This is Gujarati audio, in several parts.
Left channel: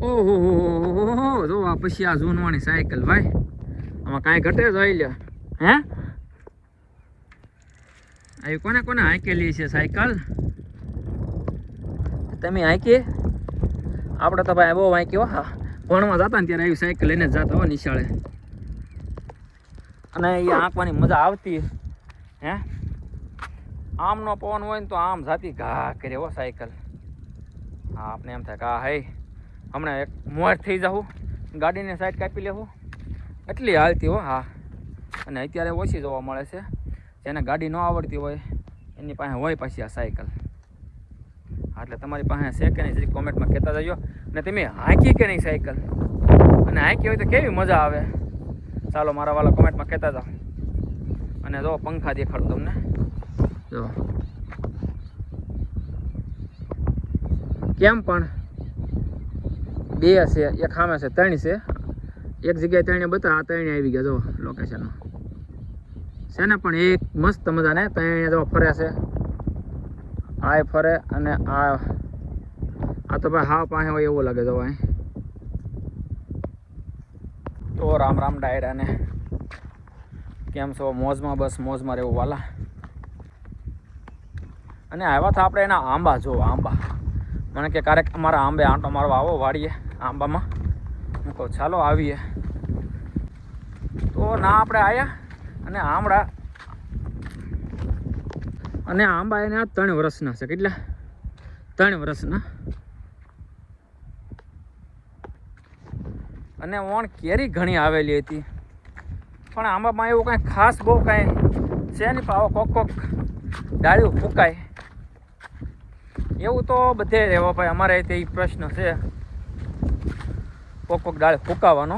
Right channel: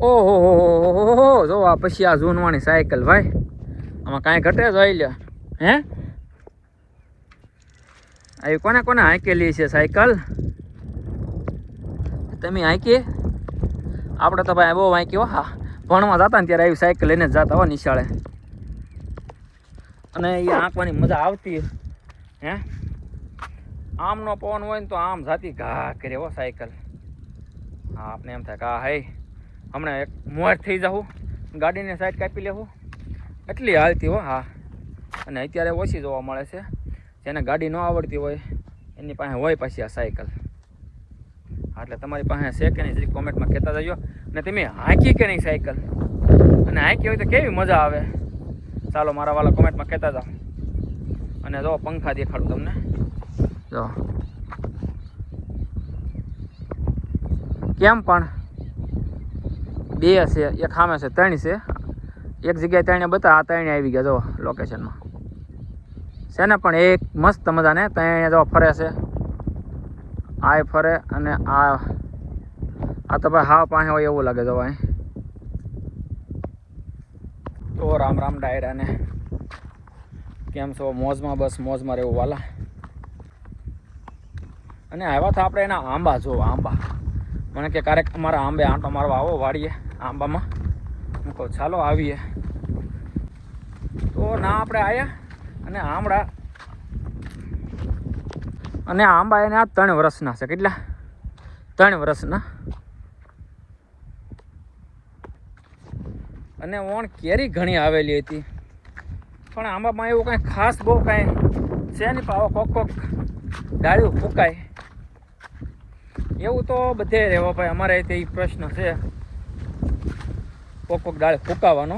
ઓહો જો આ પછી આ જૂનવાણી સાયકલ ભાઈ, આમાં કાંઈ ઘટે જોઈ લે. હે આવી કોને કોને હાંકેલી છે સાયકલ? તમે હાંકી? આપણે તો ભાઈ બહુ હાંકી હો. હા, ભણવા જતા ને ત્યારે આવી સાયકલ લઈને જ જતા હો નિશાળે, અને એ હાંકવાની મજા આવતી. હે આમનો પવન હોય ને તો આમ જાતી ઘા કરે હો સાયકલ. હા, આપણે એમ થાય કે હા હે હમણાં એક મોર થઈ જાઉં, ગાડીને સાઈડ કાપી લેવું, એટલી હાલતી હો. હા, અને અત્યારે ઓછી જોવા મળે છે. જેને ગાડી ન આવડતી હોય એની પાસે હોય પાછી આ સાયકલ. હા, એટલે તમારી પાસે છે કે નહીં જરી કોમેન્ટમાં કહેતા જજો. અને તમે હાંકી કે નહીં સાયકલ, અને હાંકી હોય તો કેવી મજા આવે ચાલો મારા વાલા કોમેન્ટમાં કહેતા જાઓ. અને જો પંખા દેખાડું તમને. જો કેમ પણ બે છે, એક સામે છે, ત્રણ છે. એક જગ્યાએ ત્રણે બતા, આ ત્રણે આવી ગયા જો લોકેશનમાં છે ને. પણ એક મસ્ત મજાને ત્રણે જો ફરે છે, આ ફરે અને આ તો ભાઈ હા પાસે હોય એવું લાગે. જો અહીં તો રામ રામ ડાયરાને, કેમ છો? મોજમાં? બસ મોજમાં રહેવું વાલા. અને આવ્યા હતા આપણે એના આંબા. જો આંબા મને કે ક્યારેક અમારા આંબે આંટો મારવા આવો વાડીએ આંબામાં. હું કહું ચાલો આવીએ. તો ના આપણે આવ્યા અને આંબા એને આ 3 વર્ષના છે. કેટલા? 3 વર્ષના. અને ઓણ કેરી ઘણી આવેલી હતી, પણ આંબામાં એવું કાંઈ ખાસ બહુ કાંઈ છે નહીં. પાવો કોક ડાળીઓ ફૂંકાય એવું તો બધે રહેવા ભાઈ. અમારે તે પ્રશ્ન છે કોક ડાળી ફૂંકાવાનો.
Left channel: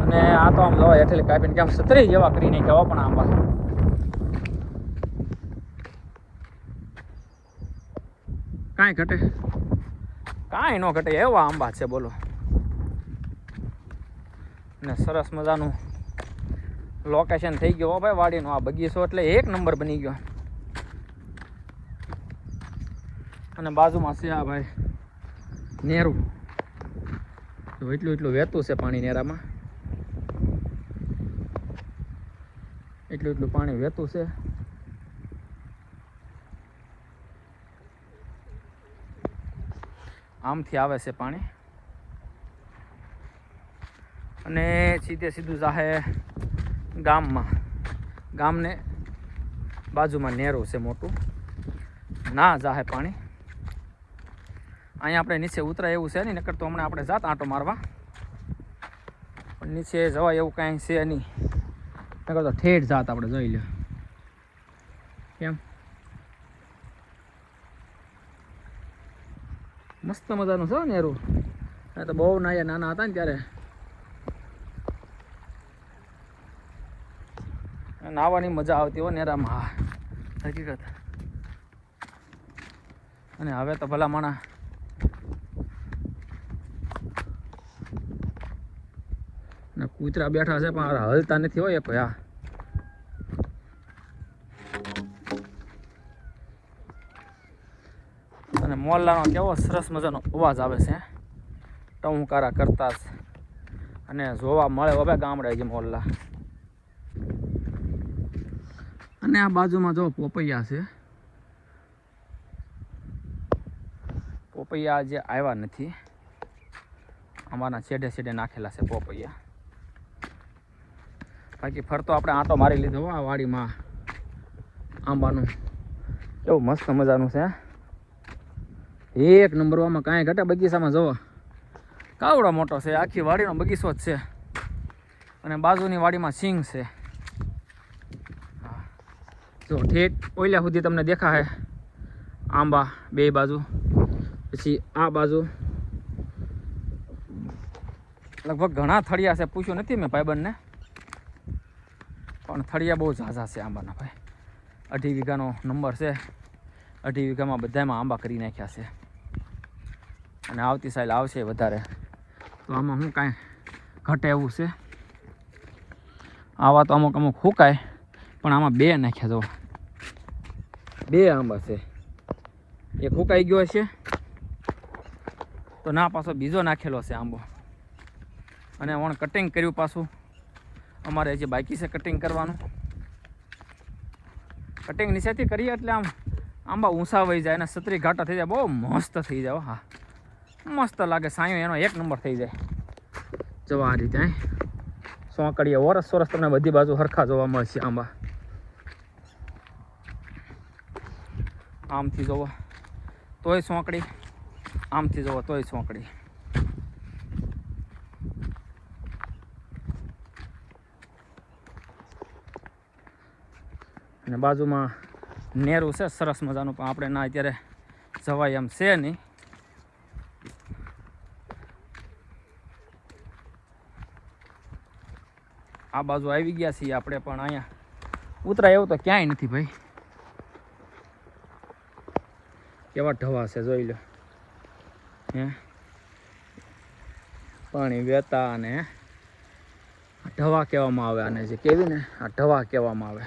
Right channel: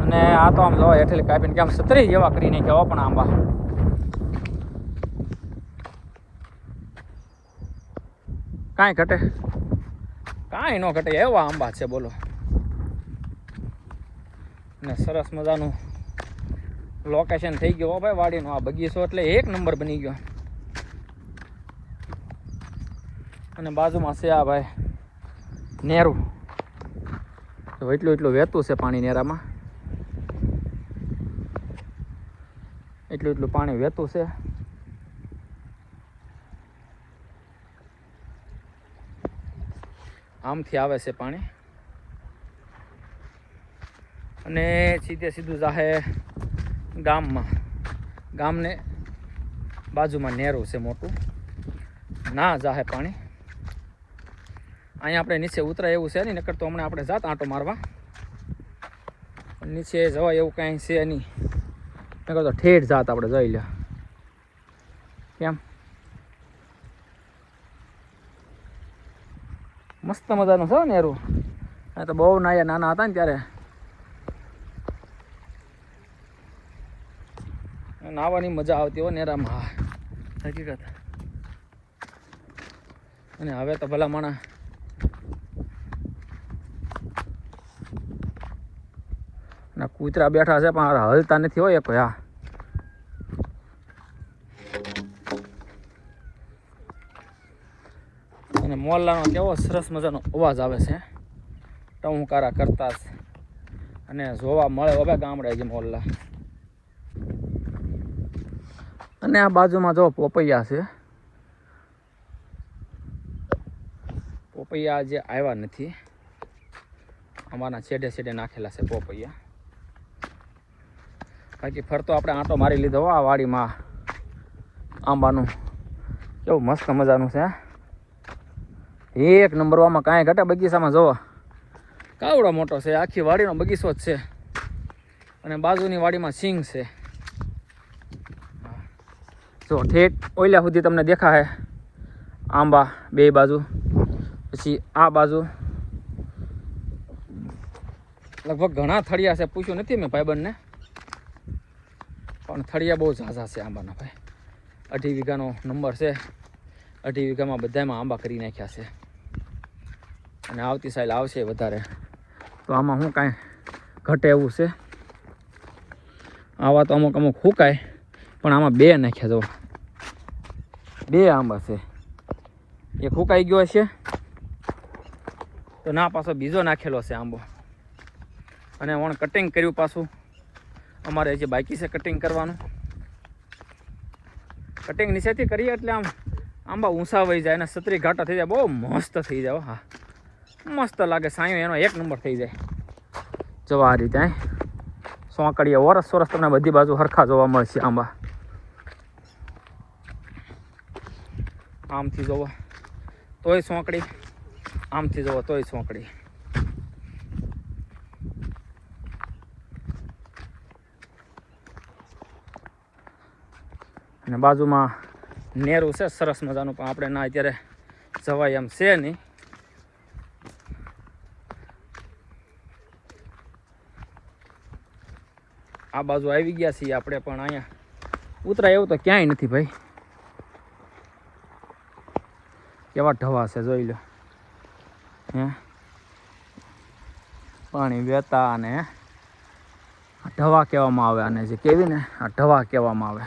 અને આ તો આમ જોવા હેઠળ કાપીને કે આમ સતરી જેવા કરીને કહેવા. પણ આંબા કાંઈ ઘટે? કાંઈ ન ઘટે એવા આંબા છે બોલો. અને સરસ મજાનું લોકેશન થઈ ગયો ભાઈ વાડીનો. આ બગીચો એટલે 1 નંબર બની ગયો. અને બાજુમાં છે આ ભાઈ નેરું. તો એટલું વહેતું છે પાણી નેરામાં, એટલું પાણી વહેતું છે. આમથી આવે છે પાણી અને સીધું જાહે ગામમાં. ગામને બાજુમાં નેરું છે મોટું, ના જાહે પાણી. અહીંયા આપણે નીચે ઉતરાય એવું છે નહીં, નકર તો હમણાં આપણે જાત આંટો મારવા. પણ નીચે જવાય એવું કાંઈ છે નહીં, નકર તો ઠેઠ જાત આપણે જઈ લે. કેમ મસ્ત મજાનું છે નેરું. તો બહુ નાના હતા ને ત્યારે નાહવાની મજા આવતી હોય નેરામાં. હા હકીકત. અને હવે તો ભલા માણા ના કૂતરા બેઠા છે પણ હલતા નથી હોય કોઈ. હા, અને મોરલાનો કેવો સરસ મજાનો અવાજ આવે છે, ટહુકારા કરતા. અને જોવા મળે હવે ગામડે જે મોરલા. અને આ બાજુમાં જો પોપૈયા છે. પોપૈયા જે આવ્યા નથી, અમારા છેડે નાખેલા છે પોપૈયા. બાકી ફરતો આપણે આંટો મારી લીધો આ વાડીમાં આંબાનું. કેવું મસ્ત મજાનું છે, 1 નંબરમાં કાંઈ ઘટે. બગીચામાં જોવો કાવડો મોટો છે, આખી વાડીનો બગીચો જ છે. અને બાજુની વાડીમાં સિંગ છે. જો ઠેઠ ઓઈલા સુધી તમને દેખાય આંબા બે બાજુ. પછી આ બાજુ લગભગ ઘણા થળિયા છે. પૂછ્યું નથી મેં ભાઈબંધને, પણ થળિયા બહુ ઝાઝા છે આંબાના ભાઈ. 2.5 વીઘાનો નંબર છે. 2.5 વીઘામાં બધામાં આંબા કરી નાખ્યા છે. અને આવતી સાલ આવશે વધારે. તો આમાં શું કાંઈ ઘટે એવું છે? આવા તો અમુક ફૂંકાય, પણ આમાં 2 નાખ્યા. જો 2 આંબા છે. એક ફૂંકાઈ ગયો છે તો ના પાછો બીજો નાખેલો છે આંબો. અને વણ કટિંગ કર્યું પાછું, અમારે હજી બાકી છે કટિંગ કરવાનું. કટિંગ નીચેથી કરીએ એટલે આમ આંબા ઊંચા વહી જાય અને સતરી ઘાટા થઈ જાય, બહુ મસ્ત થઈ જાય. હા મસ્ત લાગે, સાયો એનો એક નંબર થઈ જાય. જો આ રીતે સોંકડીએ વરસ વરસ તમને બધી બાજુ હરખા જોવા મળશે આંબા. આમથી જોવો તોય સોંકડી, આમથી જોવો તોય સોંકડી. અને બાજુમાં નેરું છે સરસ મજાનું, પણ આપણે ના અત્યારે જવાય એમ છે નહીં. આ બાજુ આવી ગયા છીએ આપણે, પણ અહીંયા ઉતરાય એવું તો ક્યાંય નથી ભાઈ. કેવા ઢવા છે જોઈ લો. પાણી વહેતા અને ઢવા કહેવામાં આવે આને, જે કેવી ને આ ઢવા કહેવામાં આવે.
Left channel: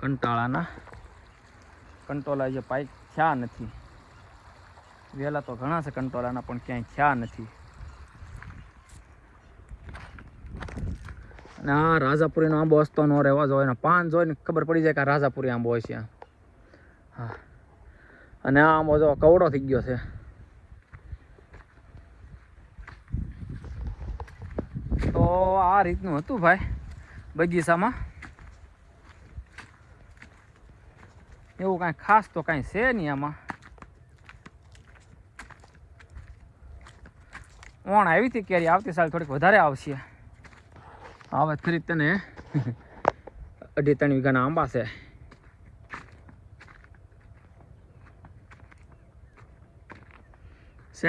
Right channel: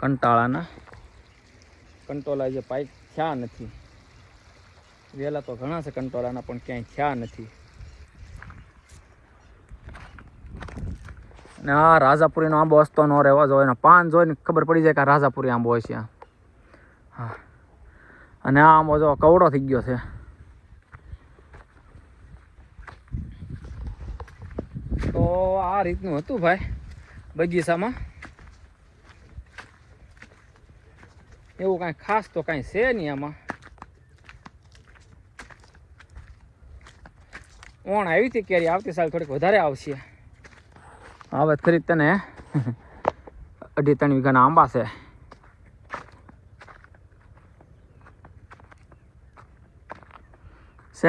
કંટાળાના કંટોલા જે પાઇપ થયા નથી, વહેલા તો ઘણા છે કંટોલાના, પણ ક્યાંય થયા નથી. ને આ રાજાપુરીનો આંબો હસતો ન રહેવા જોઈએ, એના પાન જોઈને ખબર પડી જાય કે આ રાજાપુરી આંબો હોય છે. હા, અને આ આંબો જો કવડો થઈ ગયો છે. તો આ રીતનું હતું ભાઈ બગીચામાં. એવું કાંઈ ખાસ તો કાંઈ છે નહીં આમાં. ઓણ આવી હતી કેરી, આવતી સાલ થોડીક વધારે આવશે. હવે ખરીદ તને 2.5 વીઘાના આંબા છે.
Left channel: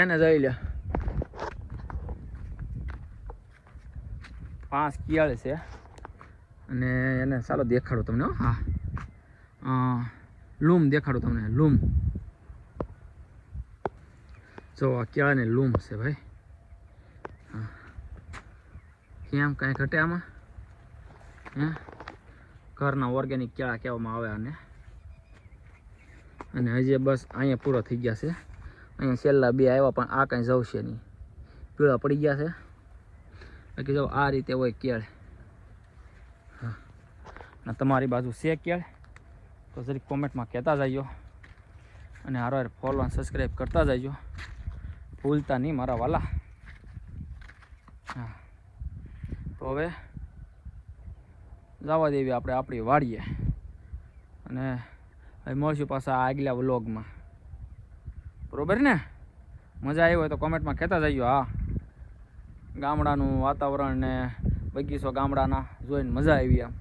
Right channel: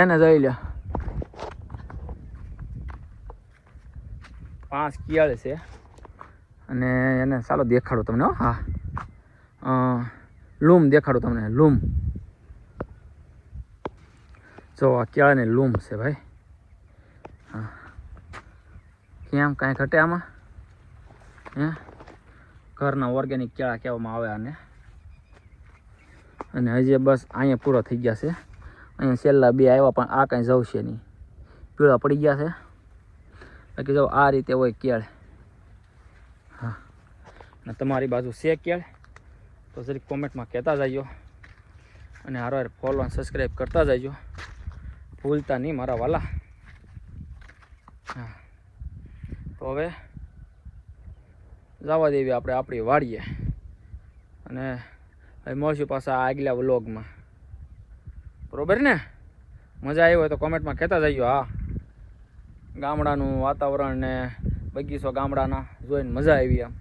ને જોઈ લે, 5 કિયાળ છે. અને એને ચાલો દેખાડું તમને. હા, લૂમ દેખાડું તમને. લૂમ જો આ કેળાની લૂમ છે ભાઈ. હા, કેમ કાંઈ ઘટે આમાં? ઘરના ઓર્ગેનિક કેળા કહેવામાં આવે આને. અને હજી બસ અહીંયા પૂરો થઈ ગયા છે. અહીંયા છેલ્લા 2 આવ્યા, પણ આ કાંઈ જવશે નહીં, પીળા પડી ગયા છે. બાકી જો આ રીતે હોય કેળ. હા, ને તમારી બાજુ છે કેળ તો જરીક કોમેન્ટમાં કહેતા જજો. અને હારો ફોલો અને સબસ્ક્રાઈબ કરતા જજો, ભૂલતા નહીં મારા વાલા. હા, તો હવે જવા દેવી આપણે આપણી વાડીએ. અને હવે મળશું પાછા આગલા વ્લોગમાં, બરોબર ને? મજા આવી હોય તો કોમેન્ટમાં કહેતા જજો. હા, ગામડાનું વાતાવરણ ને બગીચો ગામડાના જોઈને મજા આવી. આમ